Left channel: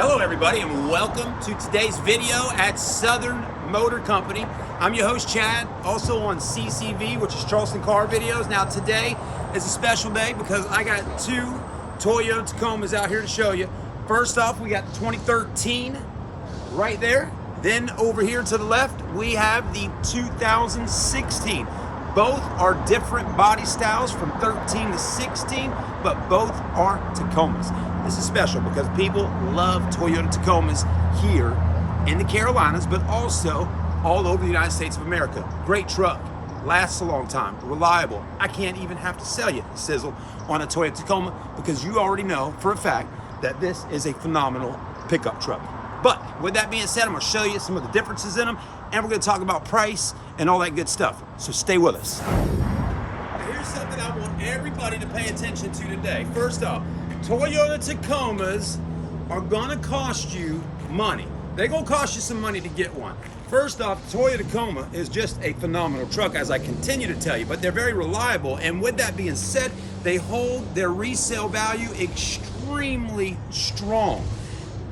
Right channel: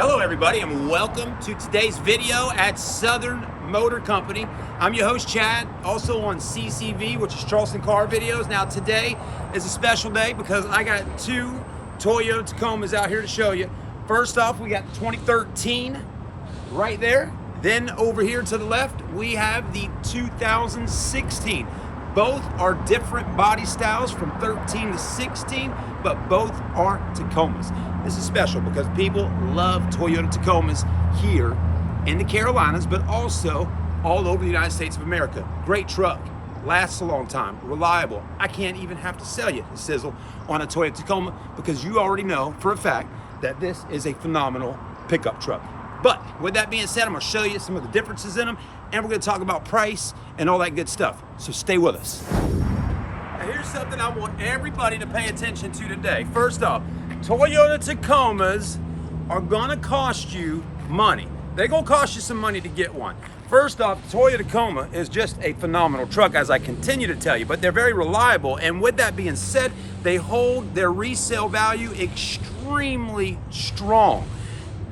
Hello everybody and welcome to today's video at Southern Motor Company. I'm your host Chad, also on CCV, which is Charleston Car videos. Now today is a special day because I got two Toyota Tacomas out here to show you. First off, we got the 2013 right there. Then over here to the left, we have the 2016. Both are different body styles from 13 to 16, but both are Tacomas. This is special because people love Toyota Tacomas here in the Carolinas, but also all over the United States of America. Great truck, lasts a long time, reliable. I can't even have to sell you the sizzle on a Toyota Tacoma because you already know for a fact that this is a phenomenal pickup truck. But with that being said, I'm gonna show you some of the differences in them, and we're gonna talk about price and all that good stuff. So stay with us. Now here's something I want everybody to pay attention to today. First off, Toyota Tacomas are gonna cost you money. They're gonna cost you some money to get one. First off, Toyota Tacoma is just a phenomenal truck, as I continue to tell you, but they're very reliable. And with that being said, they hold their resale value extremely strong.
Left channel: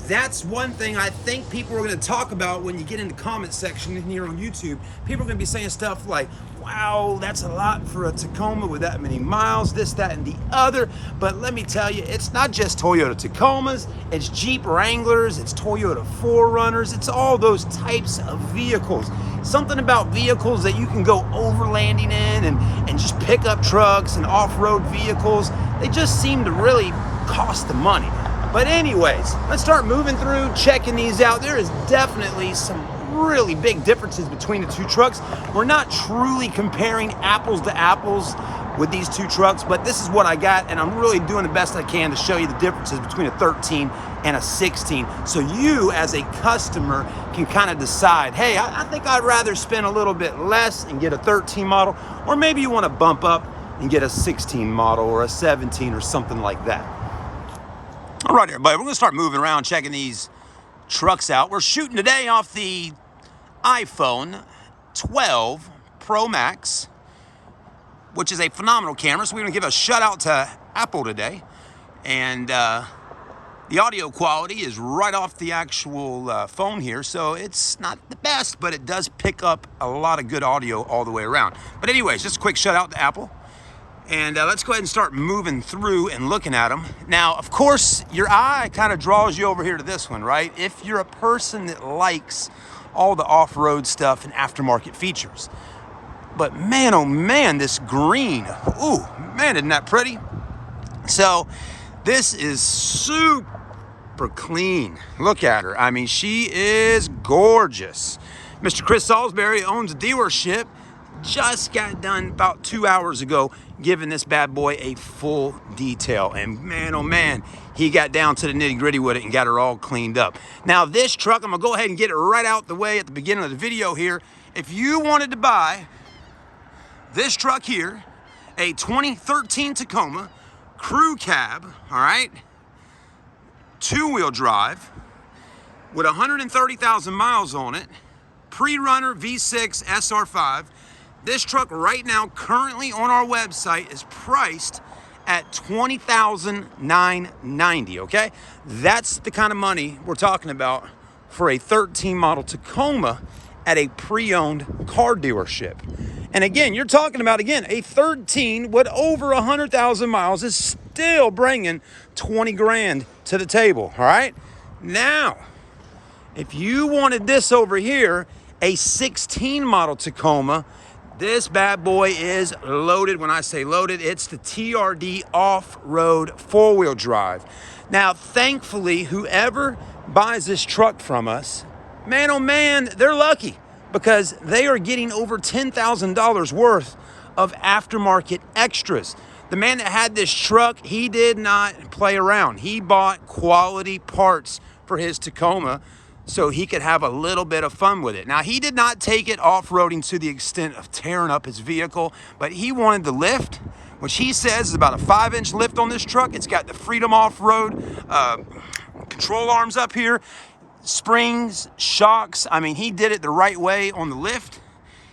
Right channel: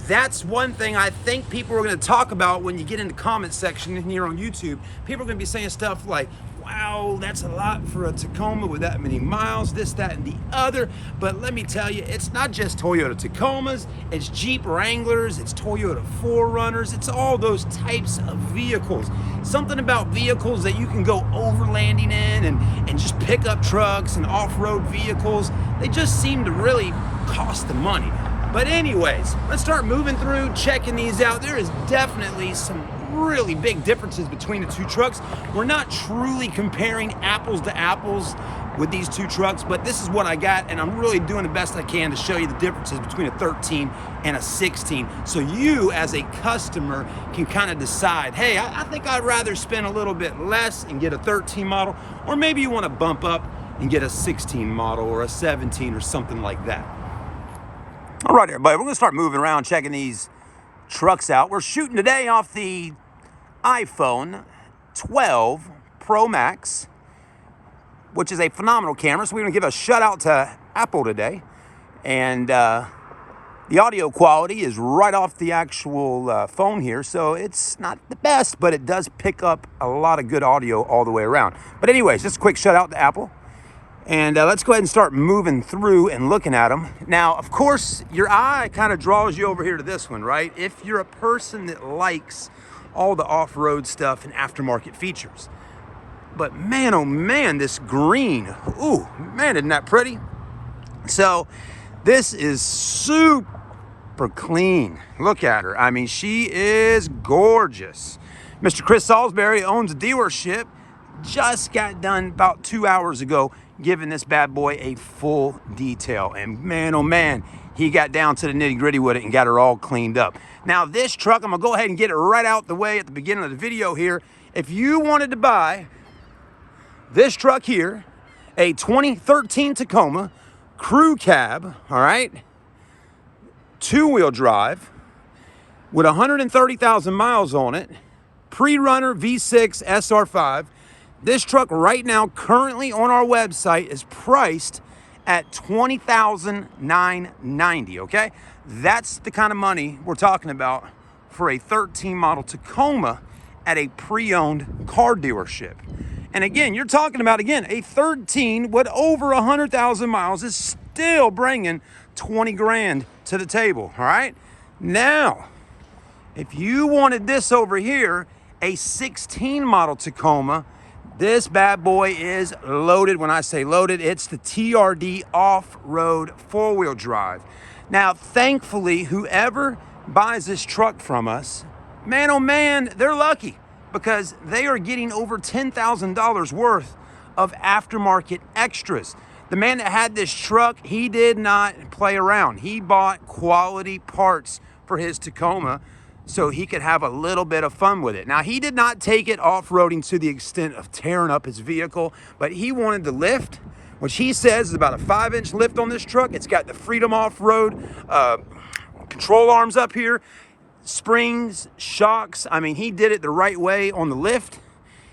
That's one thing I think people are going to talk about when you get in the comment section here on YouTube. People are going to be saying stuff like, wow, that's a lot for a Tacoma with that many miles, this, that, and the other. But let me tell you, it's not just Toyota Tacomas, it's Jeep Wranglers, it's Toyota 4Runners, it's all those types of vehicles. Something about vehicles that you can go overlanding in and just pick up trucks and off-road vehicles. They just seem to really cost the money. But anyways, let's start moving through, checking these out. There is definitely some really big differences between the two trucks. We're not truly comparing apples to apples with these two trucks, but this is what I got, and I'm really doing the best I can to show you the differences between a 13 and a 16. So you, as a customer, can kind of decide, hey, I think I'd rather spend a little bit less and get a 13 model, or maybe you want to bump up and get a 16 model or a 17 or something like that. All right, everybody, we're going to start moving around, checking these trucks out. We're shooting today off the iPhone 12 Pro Max, which is a phenomenal camera. So we're going to give a shout out to Apple today. And the audio quality is right off the actual phone here. So it's not the best, but it does pick up a lot of good audio all the way around. But anyways, just a quick shout out to Apple. And let's go ahead and start moving through and looking at them. Now, of course, your eye kind of draws you over here to this one, right? If you're a person that likes all the off-road stuff and aftermarket features. But man, oh man, this green. Ooh, man, isn't that pretty? So this is super clean. Look at her. I mean, she is gorgeous. Mr. Chris Salisbury owns a dealership. Just got done about 2 hours ago giving this bad boy a full detail, and man oh man, he got down to the nitty-gritty with it and got her all cleaned up. Now this truck, I'm gonna go ahead and get it right out the way at the beginning of the video here. If you wanted to buy this truck here, a 2013 Tacoma crew cab, all right, two-wheel drive with 130,000 miles on it, pre-runner V6 SR5, this truck right now, currently on our website, is priced at $20,990, okay? That's the kind of money we're talking about for a 13 model Tacoma at a pre-owned car dealership. And again, you're talking about, again, a 13 with over 100,000 miles is still bringing 20 grand to the table, all right? Now, if you wanted this over here, a 16 model Tacoma, this bad boy is loaded. When I say loaded, it's the TRD off-road four-wheel drive. Now, thankfully, whoever buys this truck from us, man, oh man, they're lucky because they are getting over $10,000 worth of aftermarket extras. The man that had this truck, he did not play around. He bought quality parts for his Tacoma so he could have a little bit of fun with it. Now, he did not take it off-roading to the extent of tearing up his vehicle, but he wanted the lift, which he says is about a 5-inch lift on this truck. It's got the Freedom Off-Road control arms up here, springs, shocks. I mean, he did it the right way on the lift.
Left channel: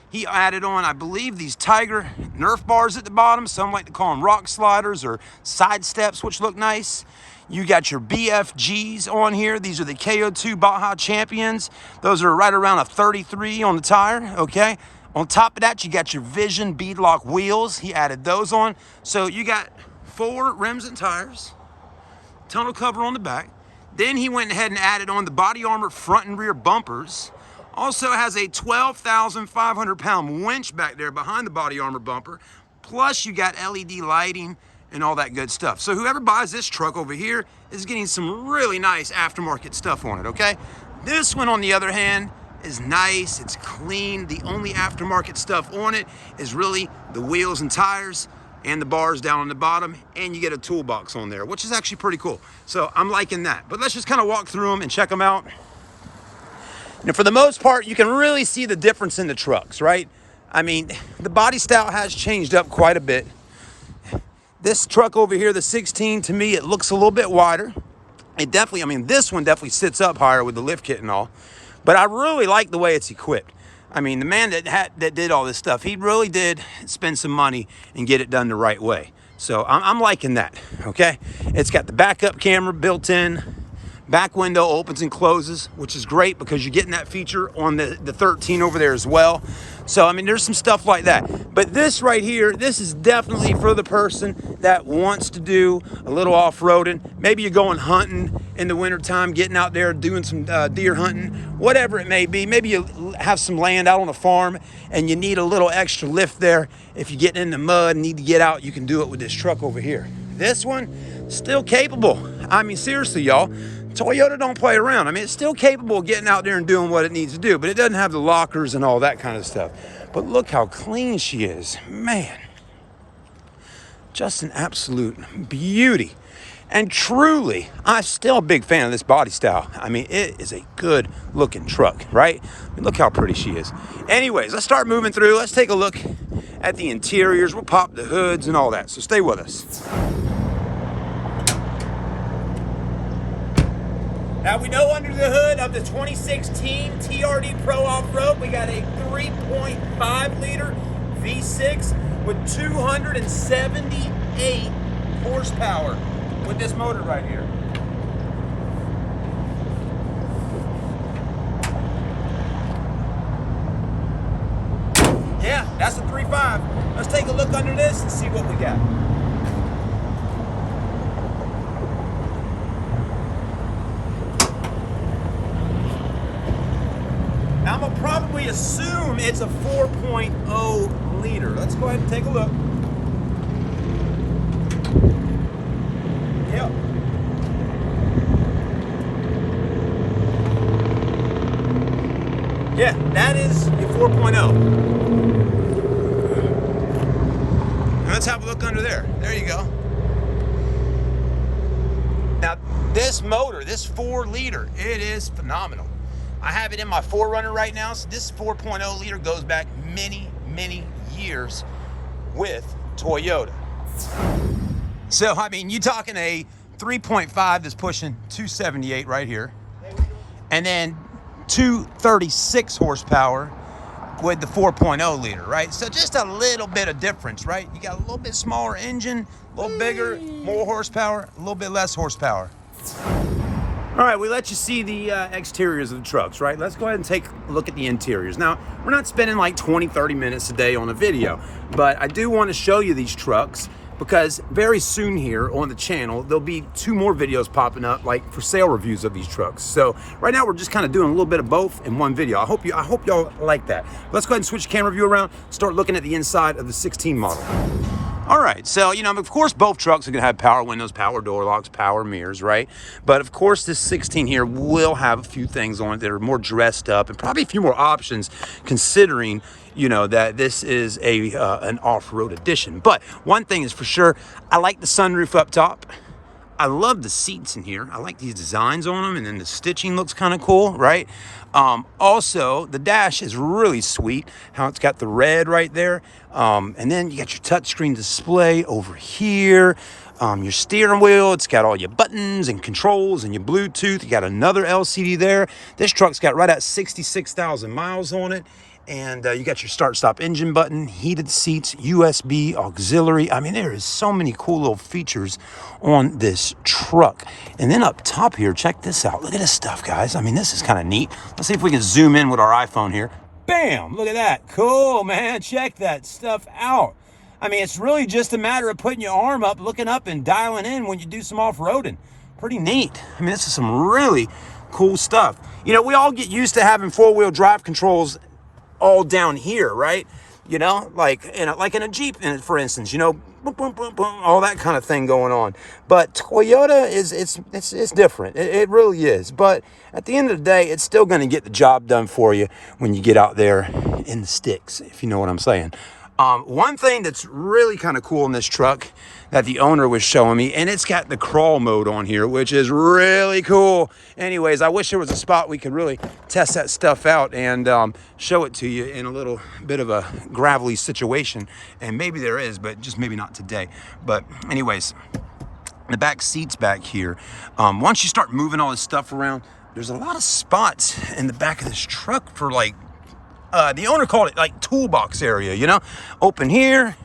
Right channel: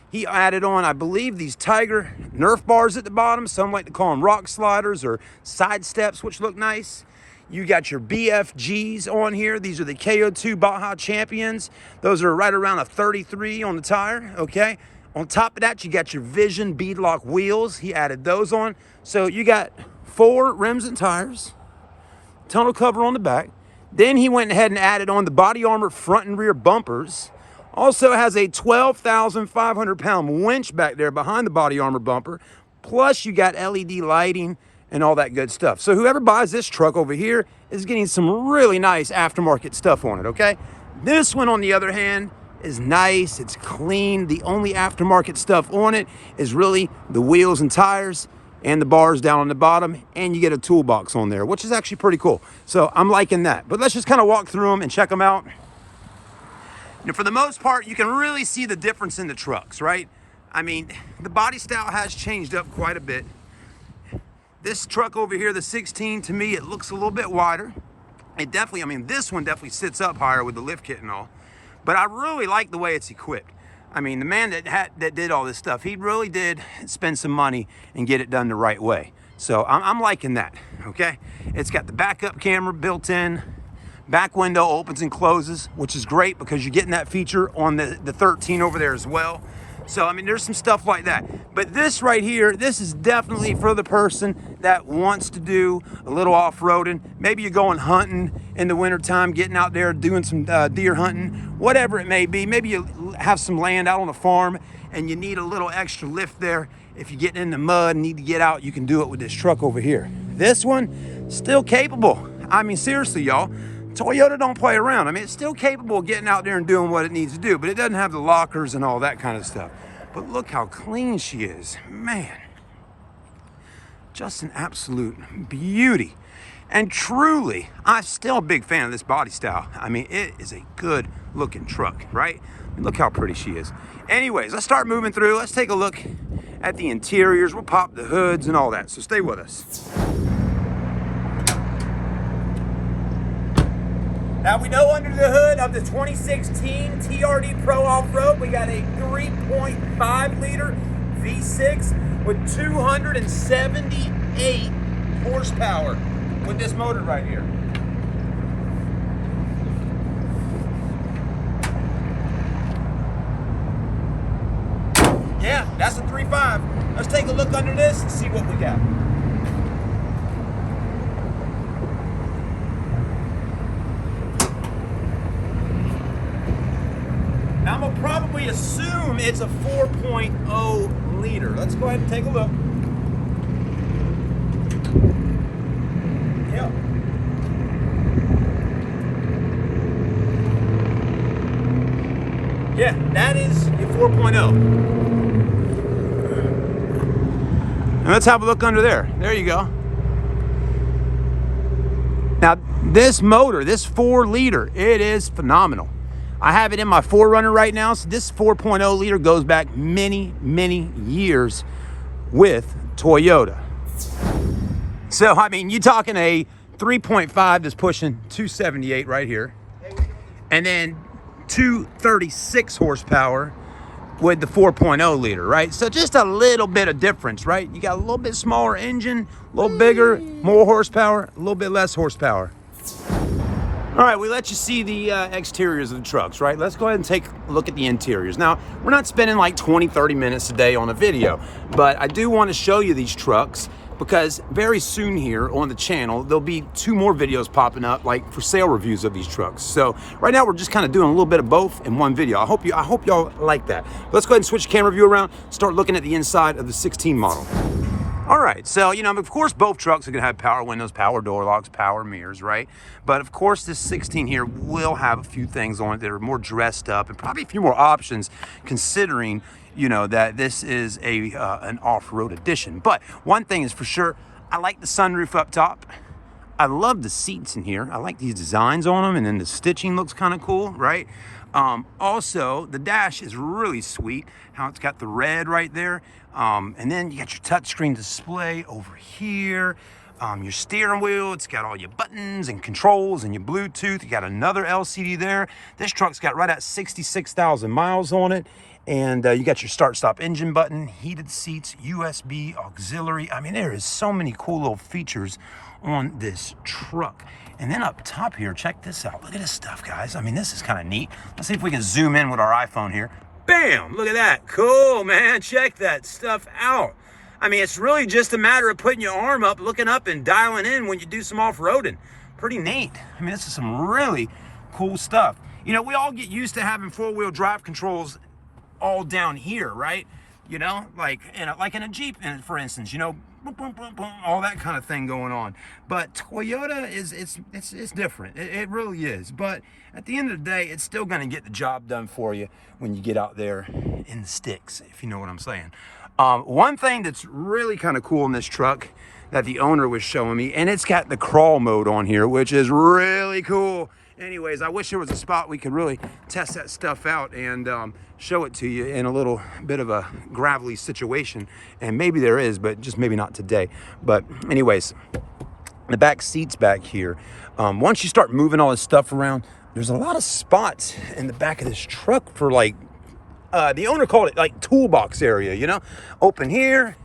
He added on, I believe, these Tiger Nerf bars at the bottom. Some like to call them rock sliders or side steps, which look nice. You got your BFGs on here. These are the KO2 Baja Champions. Those are right around a 33 on the tire, okay? On top of that, you got your Vision beadlock wheels. He added those on. So you got 4 rims and tires, tonneau cover on the back. Then he went ahead and added on the body armor front and rear bumpers. Also has a 12,500 pound winch back there behind the body armor bumper. Plus you got LED lighting and all that good stuff. So whoever buys this truck over here is getting some really nice aftermarket stuff on it, okay? This one, on the other hand, is nice, it's clean. The only aftermarket stuff on it is really the wheels and tires and the bars down on the bottom, and you get a toolbox on there, which is actually pretty cool. So I'm liking that. But let's just kind of walk through them and check them out. And for the most part, you can really see the difference in the trucks, right? I mean, the body style has changed up quite a bit. This truck over here, the 16, to me, it looks a little bit wider. It definitely, I mean, this one definitely sits up higher with the lift kit and all. But I really like the way it's equipped. I mean, the man that did all this stuff, he really did spend some money and get it done the right way. So I'm liking that, okay? It's got the backup camera built in. Back window opens and closes, which is great because you're getting that feature on the 13 over there as well. So, I mean, there's some stuff like that. But this right here, this is definitely for the person that wants to do a little off-roading. Maybe you're going hunting in the wintertime, getting out there, doing some deer hunting, whatever it may be. Maybe you have some land out on a farm and you need a little extra lift there. If you're getting in the mud and need to get out, you can do it with this truck over here. This one, still capable. I mean, seriously, y'all. Toyota don't play around. I mean, it's still capable of getting out there and doing what it needs to do, but it doesn't have the lockers and all that kind of stuff. But look how clean she is. Man, just an absolute beauty. And truly, I'm still a big fan of this body style. I mean, it is a good looking truck, right? I mean, look how pretty she is. Anyways, let's start moving through. Let's take a look at the interiors. We'll pop the hoods and all that, so stay with us. Now we know under the hood of the 2016 TRD Pro Off-Road, we got a 3.5 liter V6 with 278 horsepower with this motor right here. Yeah, that's a 3.5. Let's take a look under this and see what we got. I'm gonna probably assume it's a 4.0 liter. Let's go ahead and take a look. Yep. Yeah, that is a 4.0. And let's have a look under there. There you go. Now, this motor, this 4 liter, it is phenomenal. I have it in my 4Runner right now, so this 4.0 liter goes back many, many years with Toyota. So, I mean, you're talking a 3.5 that's pushing 278 right here, and then 236 horsepower with the 4.0 liter, right? So just a little bit of difference, right? You got a little bit smaller engine, a little bigger, more horsepower, a little bit less horsepower. All right, we let you see the exteriors of the trucks, right? Let's go ahead and take a look at the interiors. Now, we're not spending like 20, 30 minutes a day on a video, but I do want to show you these trucks because very soon here on the channel, there'll be 2 more videos popping up, like for sale reviews of these trucks. So right now, we're just kind of doing a little bit of both in one video. I hope y'all like that. Let's go ahead and switch the camera view around, start looking at the inside of the 16 model. All right, so, you know, of course, both trucks are gonna have power windows, power door locks, power mirrors, right? But of course, this 16 here will have a few things on it that are more dressed up and probably a few more options considering, you know, that this is an off-road edition. But one thing is for sure, I like the sunroof up top. I love the seats in here. I like these designs on them, and then the stitching looks kind of cool, right? Also, the dash is really sweet, how it's got the red right there. And then you got your touchscreen display over here. Your steering wheel, it's got all your buttons and controls and your Bluetooth. You got another LCD there. This truck's got right at 66,000 miles on it. And you got your start-stop engine button, heated seats, USB, auxiliary. I mean, there is so many cool little features on this truck. And then up top here, check this out. Look at this stuff, guys. I mean, this is kind of neat. Let's see if we can zoom in with our iPhone here. Bam! Look at that. Cool, man. Check that stuff out. I mean, it's really just a matter of putting your arm up, looking up, and dialing in when you do some off-roading. Pretty neat. I mean, this is some really cool stuff. You know, we all get used to having four-wheel drive controls all down here, right? You know, like in a Jeep, for instance, you know, boom, boom, boom, boom, all that kind of thing going on. But Toyota it's different. It really is. But at the end of the day, it's still going to get the job done for you when you get out there in the sticks, if you know what I'm saying. One thing that's really kind of cool in this truck that the owner was showing me, and it's got the crawl mode on here, which is really cool. Anyways, I wish there was a spot we could really test that stuff out and show it to you in a little bit of a gravelly situation. And maybe there is, but just maybe not today. But anyways, the back seats back here, once you start moving all this stuff around, there's a lot of spots in the back of this truck for like, the owner called it like toolbox area, you know? Open here,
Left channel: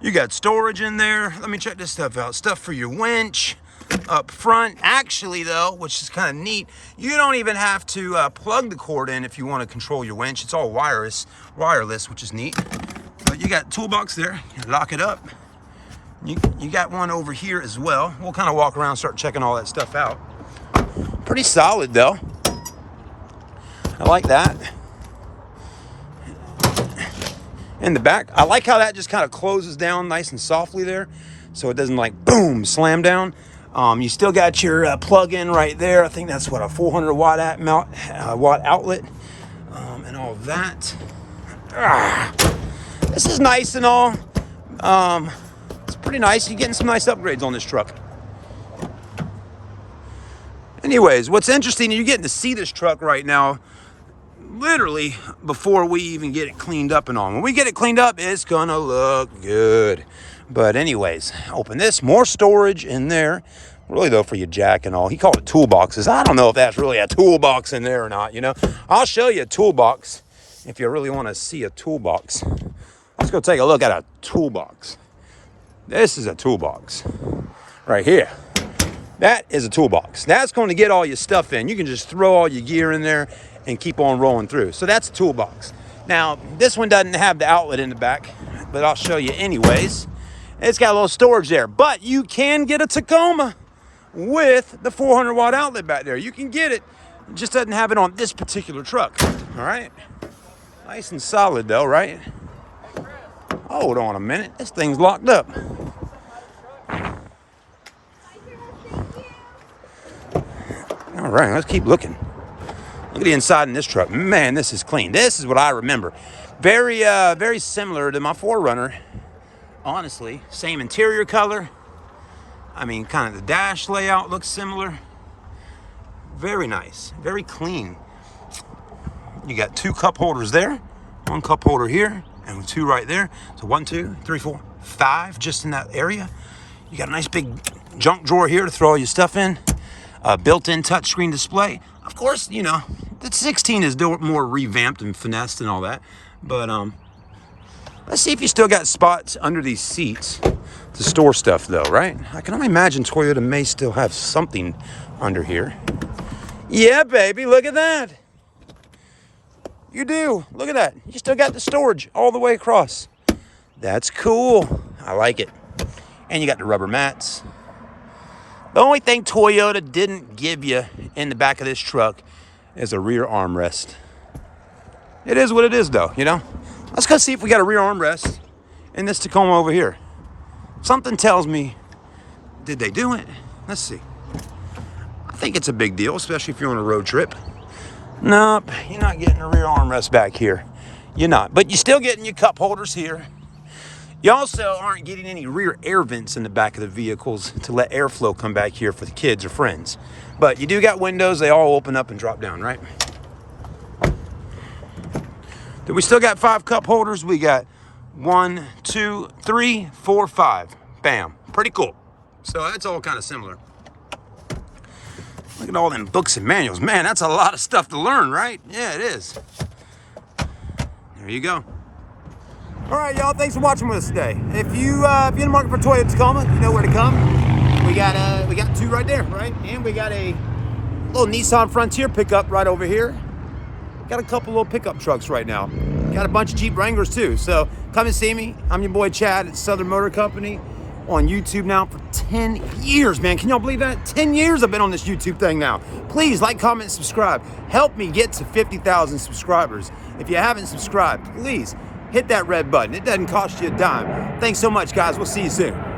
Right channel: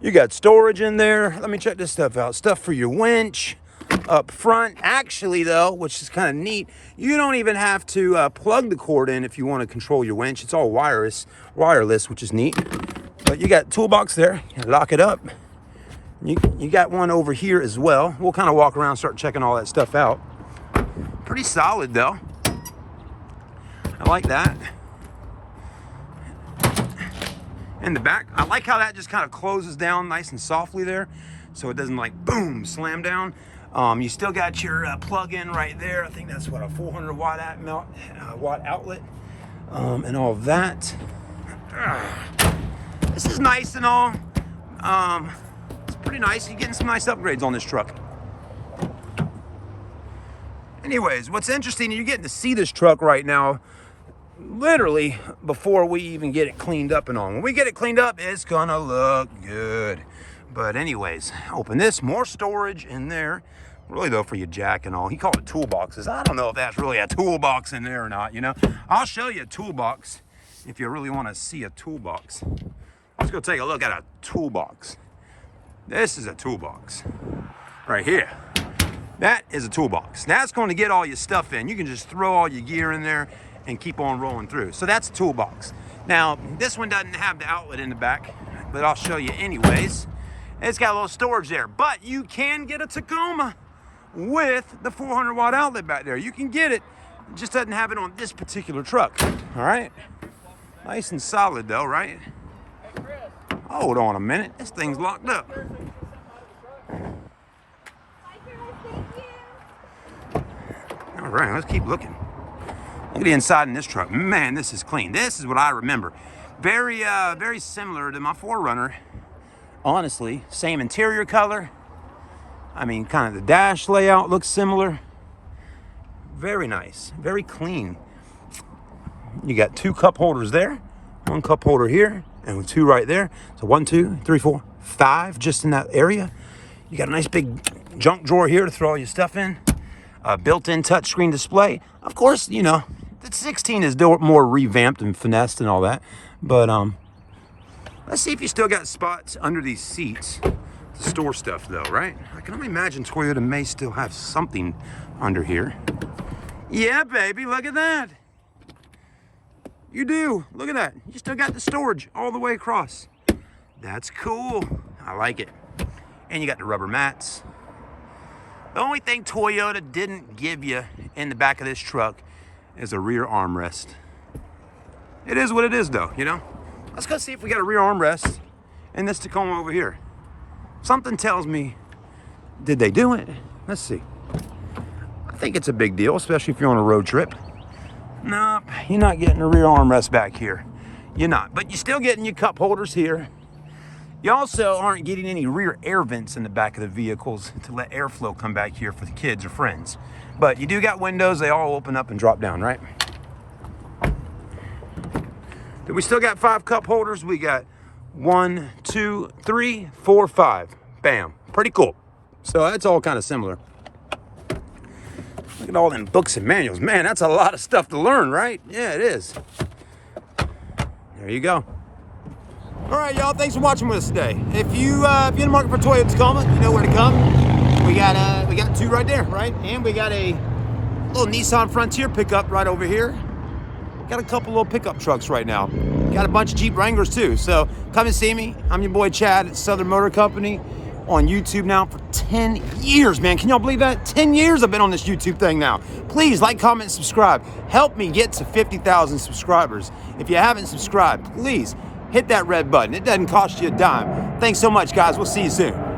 you got storage in there. Let me check this stuff out. Stuff for your winch up front. Actually though, which is kind of neat, you don't even have to plug the cord in if you want to control your winch. It's all wireless, which is neat. But you got toolbox there, you lock it up. You got one over here as well. We'll kind of walk around, start checking all that stuff out. Pretty solid though. I like that. In the back, I like how that just kind of closes down nice and softly there, so it doesn't like boom slam down. You still got your plug-in right there. I think that's what, a 400 watt outlet, and all of that. This is nice and all. It's pretty nice. You're getting some nice upgrades on this truck. Anyways, what's interesting, you're getting to see this truck right now literally before we even get it cleaned up and on. When we get it cleaned up, it's gonna look good. But anyways, open this, more storage in there. Really though, for your jack and all. He called it toolboxes. I don't know if that's really a toolbox in there or not, you know. I'll show you a toolbox if you really want to see a toolbox. Let's go take a look at a toolbox. This is a toolbox right here. That is a toolbox. That's going to get all your stuff in. You can just throw all your gear in there and keep on rolling through. So that's a toolbox. Now, this one doesn't have the outlet in the back, but I'll show you anyways. It's got a little storage there, but you can get a Tacoma with the 400 watt outlet back there. You can get it, it just doesn't have it on this particular truck, all right? Nice and solid though, right? Hold on a minute, this thing's locked up. All right, let's keep looking. Look at the inside in this truck. Man, this is clean. This is what I remember. Very similar to my 4Runner. Honestly, same interior color. I mean, kind of the dash layout looks similar. Very nice, very clean. You got 2 cup holders there, 1 cup holder here, and 2 right there. So 1, 2, 3, 4, 5 just in that area. You got a nice big junk drawer here to throw all your stuff in. Built-in touchscreen display. Of course, you know, the 16 is more revamped and finessed and all that. But let's see if you still got spots under these seats to store stuff though, right? I can only imagine Toyota may still have something under here. Yeah, baby, look at that. You do, look at that. You still got the storage all the way across. That's cool, I like it. And you got the rubber mats. The only thing Toyota didn't give you in the back of this truck is a rear armrest. It is what it is though, you know? Let's go see if we got a rear armrest in this Tacoma over here. Something tells me, did they do it? Let's see. I think it's a big deal, especially if you're on a road trip. Nope, you're not getting a rear armrest back here. You're not, but you're still getting your cup holders here. You also aren't getting any rear air vents in the back of the vehicles to let airflow come back here for the kids or friends. But you do got windows, they all open up and drop down, right? Then we still got 5 cup holders. We got 1, 2, 3, 4, 5. Bam, pretty cool. So that's all kind of similar. Look at all them books and manuals. Man, that's a lot of stuff to learn, right? Yeah, it is. There you go. All right, y'all. Thanks for watching with us today. If you're in the market for Toyota Tacoma, you know where to come. We got two right there, right? And we got a little Nissan Frontier pickup right over here. Got a couple little pickup trucks right now. Got a bunch of Jeep Wranglers too. So come and see me. I'm your boy Chad at Southern Motor Company on YouTube now for 10 years, man. Can y'all believe that? 10 years I've been on this YouTube thing now. Please like, comment, and subscribe. Help me get to 50,000 subscribers. If you haven't subscribed, please hit that red button. It doesn't cost you a dime. Thanks so much, guys. We'll see you soon.